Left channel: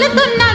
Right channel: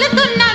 తగులుతున్నా